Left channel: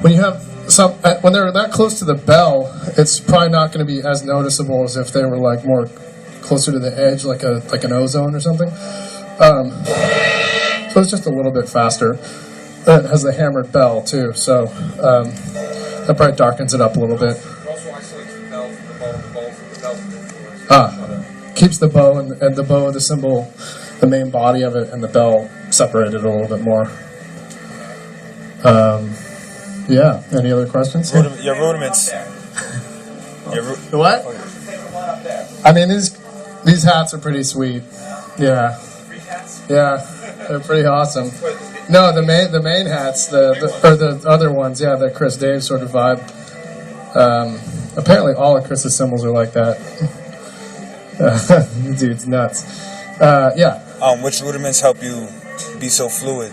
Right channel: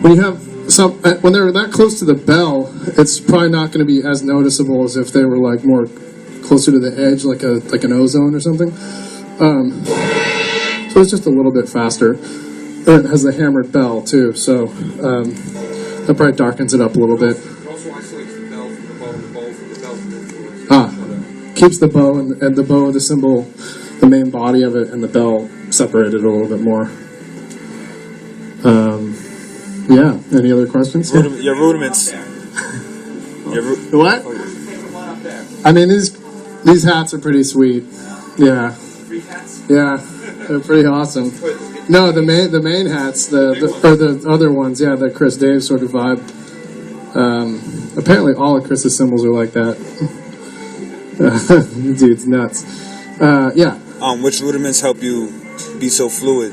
When you have when they're that close to the bell, it's probably not going to be as noticeable as if they were like more closer to the edge, like an ozone or something. So it's just a little bit faster. It has the hammered bell too, so that probably darkens it up a little bit. It also isolates the bell from the bow and the bow from the bell from the influence. Keeps the bow and the bow, the symbol, the main body of it, and the bell separated a little bit more. Yeah. Any other questions? Your rudiments. What? I mean, these hats are pretty sweet. Yeah. Free hats? Yeah, they're pretty awesome. No, the main hats, the other ones, yeah, the Chris Dave sort of vibe. Apparently, all of Chris's symbols are like that. Dude's nuts. Yeah. Which rudiments help you be so fluid?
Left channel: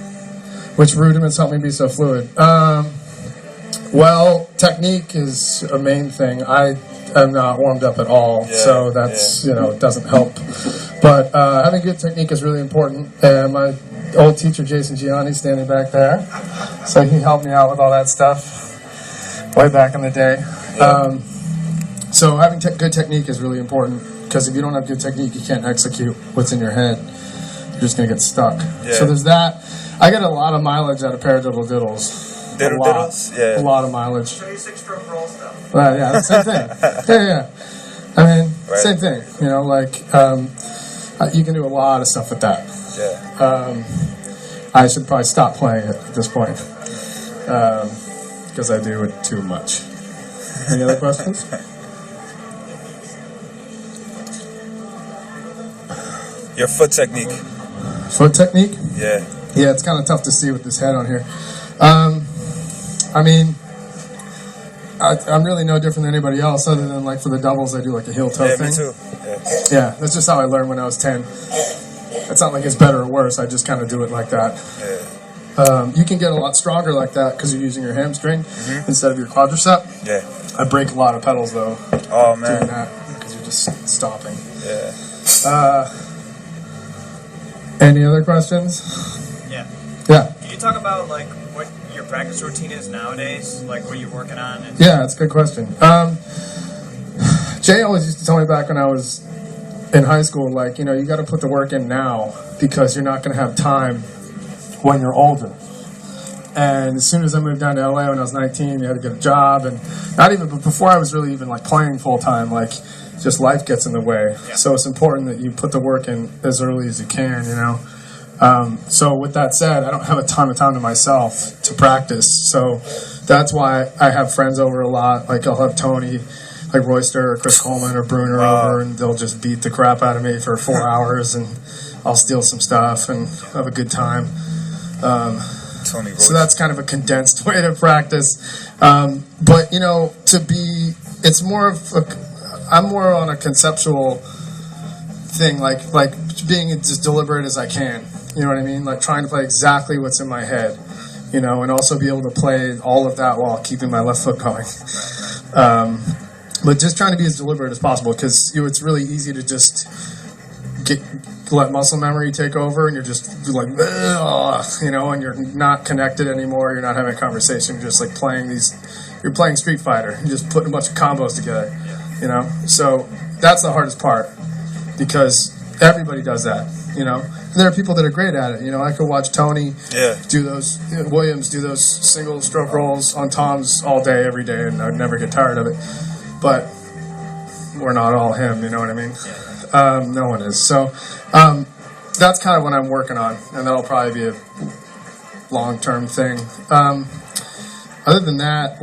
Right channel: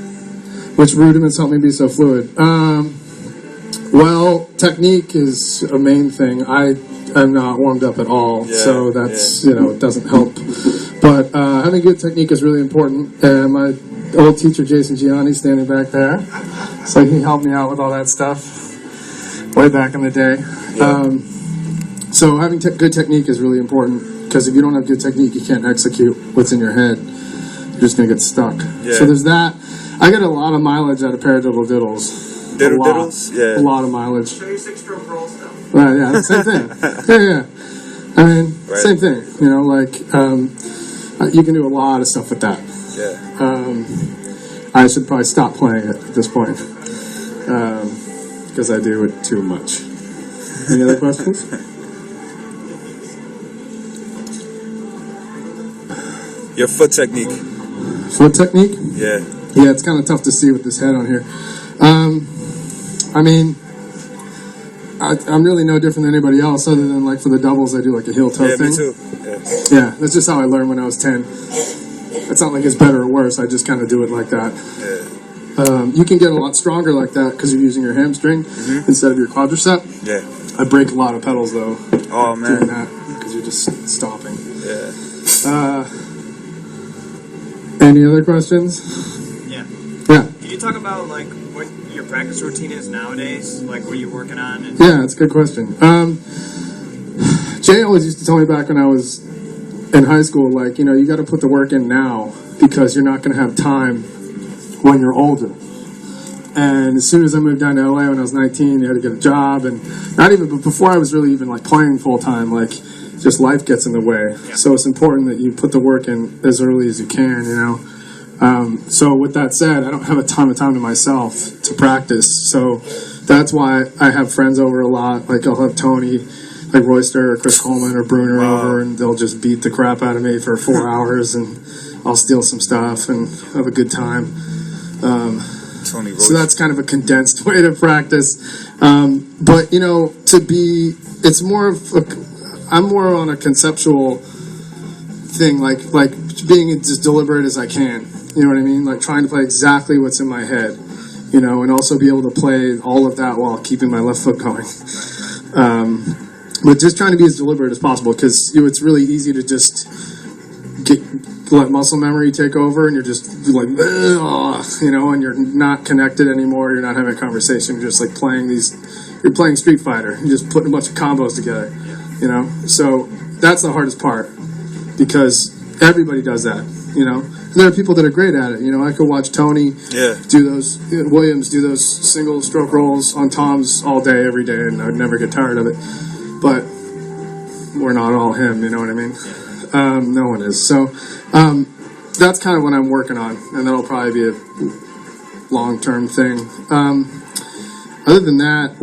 Which rudiments help me be so fluid? Well, technique is a main thing. I'm not warmed up at all, so that's it doesn't help. But having good technique is really important. And my old teacher Jason Gianni standing back there, so he helped me out with all that stuff way back in the day. Yeah. So having good technique is really important because if you don't have good technique, you can't execute what's in your head. You're just gonna get stuck. Yeah. So there's that. I get a lot of mileage out of paradiddle diddles. Diddles? Yeah. A lot of mileage. Show you 6-stroke roll stuff. Yeah, same thing. Yeah. I mean, Right. same thing. You can do a lot of stuff with that. Yeah. I should probably stop playing it at this point because I do it too much. Any other questions? Your foot technique. Foot technique? Yeah. Yeah, it's kind of tough to see with this head on here. I mean, I'm really no different than anybody else other than like for the doubles I do like a heel toe Yeah, thing. me too. Yeah. Yeah, that's just how I learned when I was 10. It's not like it's better or worse, I just kind of do it like that. Yeah. You can get a lot stronger like that because you're using your hamstring instead of your quadricep. Yeah. I break a lot of pedals though Oh doing man. that because you're just stopping. Yeah. Any other questions? Yeah. Yeah. Can you talk about like what your practice routine is nowadays? Like what you're working on? And Yeah, that's a good question. Jay always used to tell me back when I was in high school, like, you got to put the work in now because you're not going to have time when you're older. And as soon as I moved down to LA when I was 19, you had to get a job, and but before I was really even like playing full time, like just life gets in the way. Yeah. So it's important that you put the work in as early as you can, So with that said, I don't have a ton of time to myself to practice. So that's why I have friends over a lot. Like I'll have Tony, like Royster or Chris Coleman or Bruner over, and they'll just beat the crap out of me for 4 hours, and I'll steal some stuff and have a good time. Tony Royce. So that's kind of a condensed way to practice. But it's more of I'm more on a conceptual thing, like being as deliberate as I can. You know what I mean? Like trying to play exactly what's in my head, and also be able to play all of that while keeping my left foot going. But just trying to be as deliberate as possible because it's really easy to just let muscle memory take over and you're just like, and you're not connected anymore. You're not having a conversation. You're just like you're playing Street Fighter. You're just putting a bunch of combos together, So that's the hardest part because everybody does that, And there are people that are great at it. I could watch Tony do those, Williams do those single stroke rolls on toms all day, every day, and I'd never get tired of it. But we're not all him, you know what I mean? No one is. So that's kind of what I'm working on, and that'll probably be a long-term thing. Other than that,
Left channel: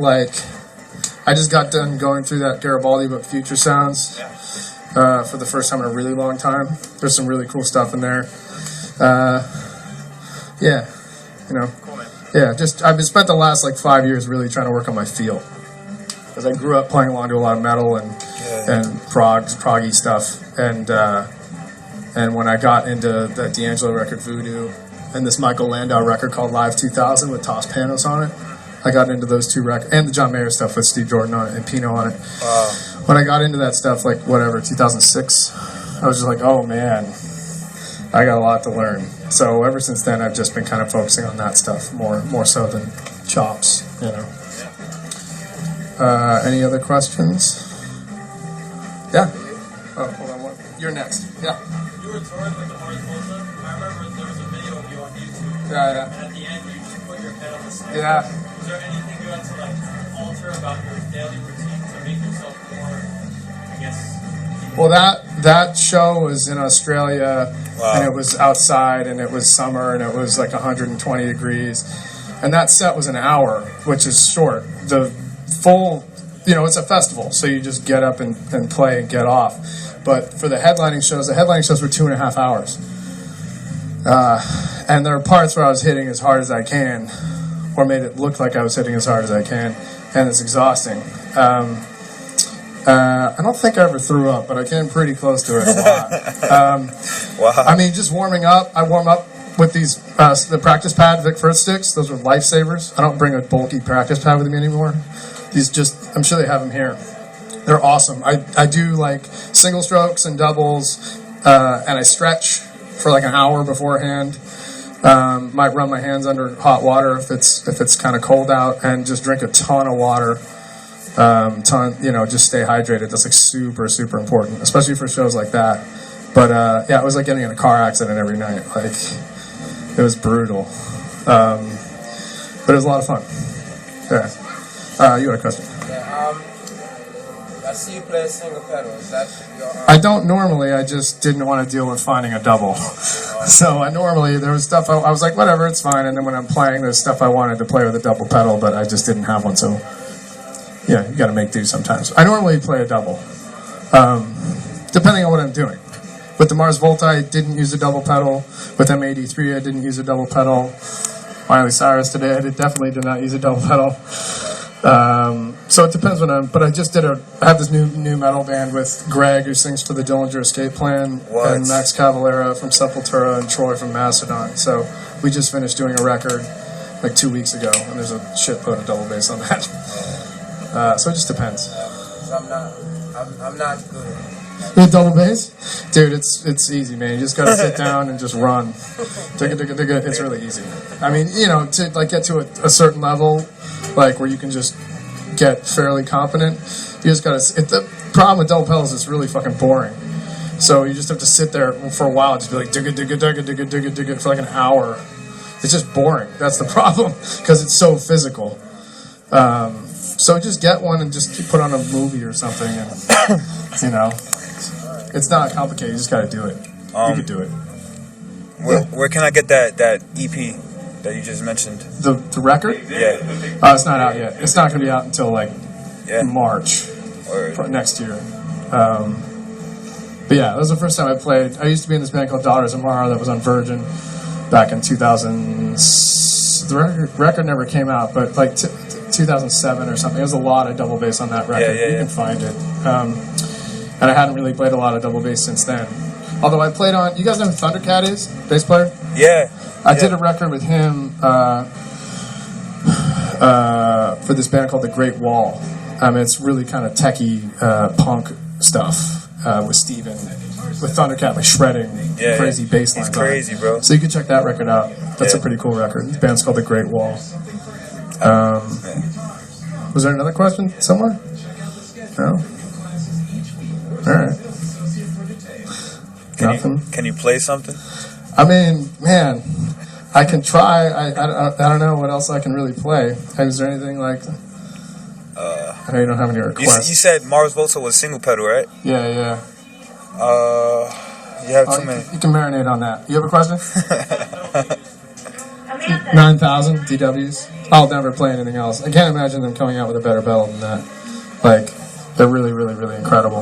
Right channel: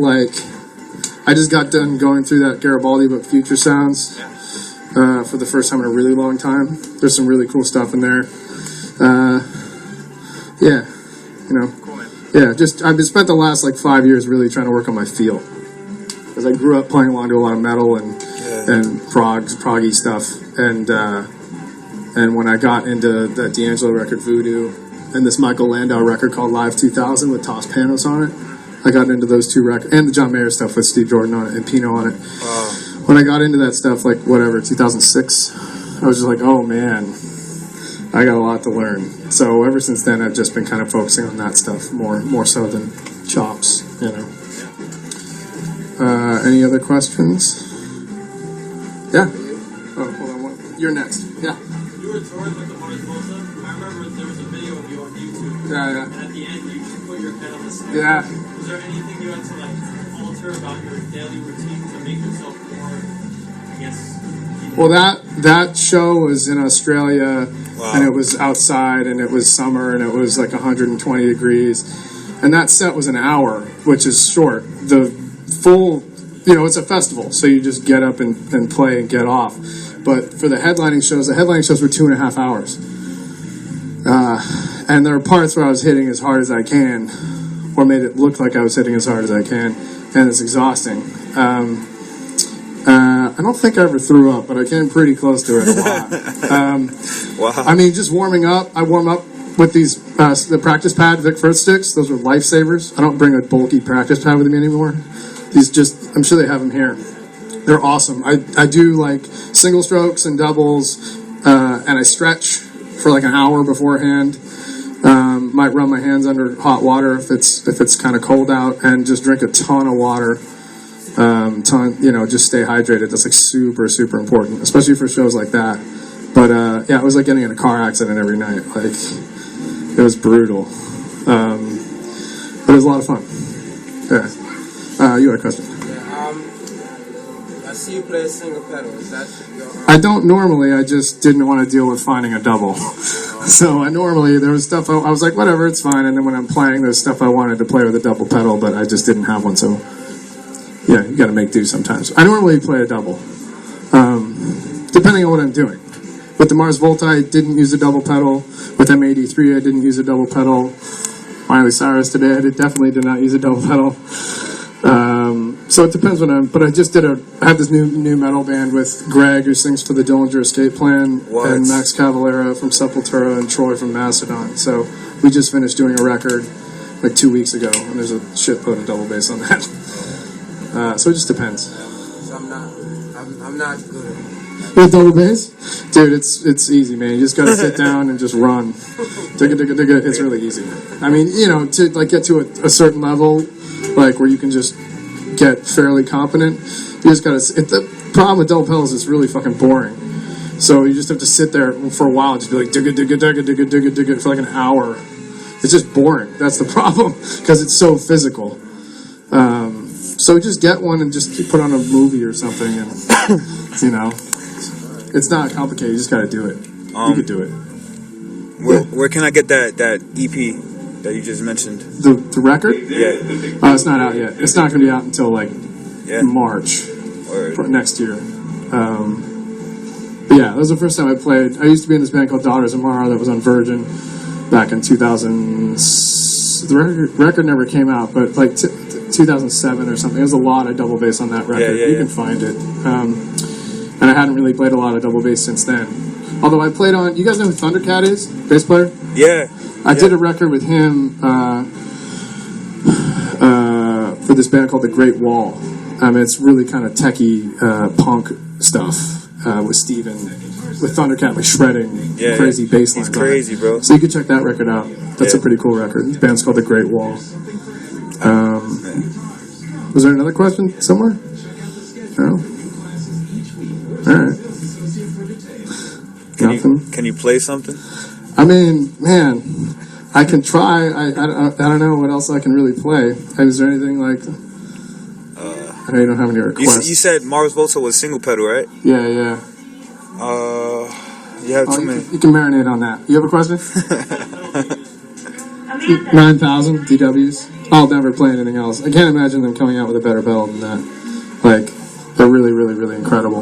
I just got done going through that Garibaldi book, Future Sounds, for the first time in a really long time. There's some really cool stuff in there. Cool, man. Yeah, I've spent the last 5 years really trying to work on my feel. Because I grew up playing along to a lot of metal and proggy stuff, and when I got into that D'Angelo record, Voodoo, and this Michael Landau record called Live 2000 with Toss Panos on it, I got into those two records, and the John Mayer stuff with Steve Jordan on it and Pino on it. Wow. When I got into that stuff, 2006, I was just like, oh man, I got a lot to learn. So ever since then, I've just been kind of focusing on that stuff more so than chops. you know. Any other questions? Yeah. Oh, hold on. You're next. Yeah. You were touring with the Mars Volta. I remember there was a video of you on YouTube. Yeah. And at the end, you just put your head on the snare. Yeah. Was there anything you had to alter about your daily routine to make yourself more, I guess? Well, that show was in Australia, Wow. and it was outside, and it was summer, and it was like 120 degrees, and that set was an hour, which is short. The full, it's a festival, so you just get up and play and get off. But for the headlining shows were 2.5 hours, and there were parts where I was hitting as hard as I can, or made it look like I was hitting as hard as I can, and it's exhausting. I don't think I ever threw up, but I came pretty close to it a lot. Wow. I mean, just warming up. I warm up with these the practice pad Vic Firth sticks. Those are lifesavers. I don't bring a bulky practice pad with me anymore. I'm sure they have them here. They're awesome. I do like single strokes and doubles, and I stretch for like an hour beforehand. Might run my hands under hot water if it's kind of cold out, and just drink a ton of water. Just stay hydrated. That's like super, super important, especially for shows like that. But it was like getting in a car accident every night. Like, it was brutal. But it was a lot of fun. Yeah. You had a question? Yeah, I see you play a single pedal. Is that your... I don't normally. I just didn't want to deal with finding a double. So there was stuff I was like, whatever, it's fine. And then when I'm playing, there's stuff I wanted to play with a double pedal, but I just didn't have one. So yeah, you got to make do sometimes. I normally play a double, depending on what I'm doing. With the Mars Volta, I didn't use a double pedal. With M83, I didn't use a double pedal. Miley Cyrus today, I definitely did not use a double pedal. So it depends but I just I have this new metal band with Greg, who sings for the Dillinger Escape Plan, What? and Max Cavalera from Sepultura, and Troy from Mastodon. So we just finished doing a record like 2 weeks ago, and there's a shitload of double bass on that. So it just depends. So I'm not good at it. With double bass? Dude, it's easy, man. You just gotta sit down and just run. Digga, digga, digga. It's really easy. I mean, to get to a certain level, like where you can just get fairly competent, you just gotta. The problem with double pedals is it's really fucking boring. So you just have to sit there for a while, and just be like digga, digga, digga, digga, digga, digga for like an hour. It's just boring. That's the problem, because it's so physical. So just get one and just put on a movie or something, and it's not complicated. You just got to do it. You could do it. Where can I get that EP that you just mentioned? The record? Yeah. It's not out yet. It's not going to be out until March Or, next year. But yeah, that was the first time I played. I used to be in this band called Daughters of Mara that was on Virgin back in 2000. The record never came out, but 2007 or something. There's a lot of double bass on that record. You can find it. And I hadn't really played a lot of double bass since then. Although I played on... You guys know who Thundercat is? Bass player? yeah. I did a record with him for this band called The Great Wall. It's really kind of techie punk stuff with Steven, with Thundercat, like shredding crazy bass lines. He's crazy, bro. So you can check that record out. That's a pretty cool record. The band's called The Great Wall. Was there another question somewhere? No? All right. Nothing? Can you play something? I mean, man, I can try. I don't know what else I can really play. Is there anything like... I know you don't have any requests. You said Mars Volta was single pedal, right? Yeah. You have too many. You can marinate on that. You have a question? 9,000 DWs. I'll never play anything else. I can't imagine them coming out with a better pedal than that. They're really, really, really incredible.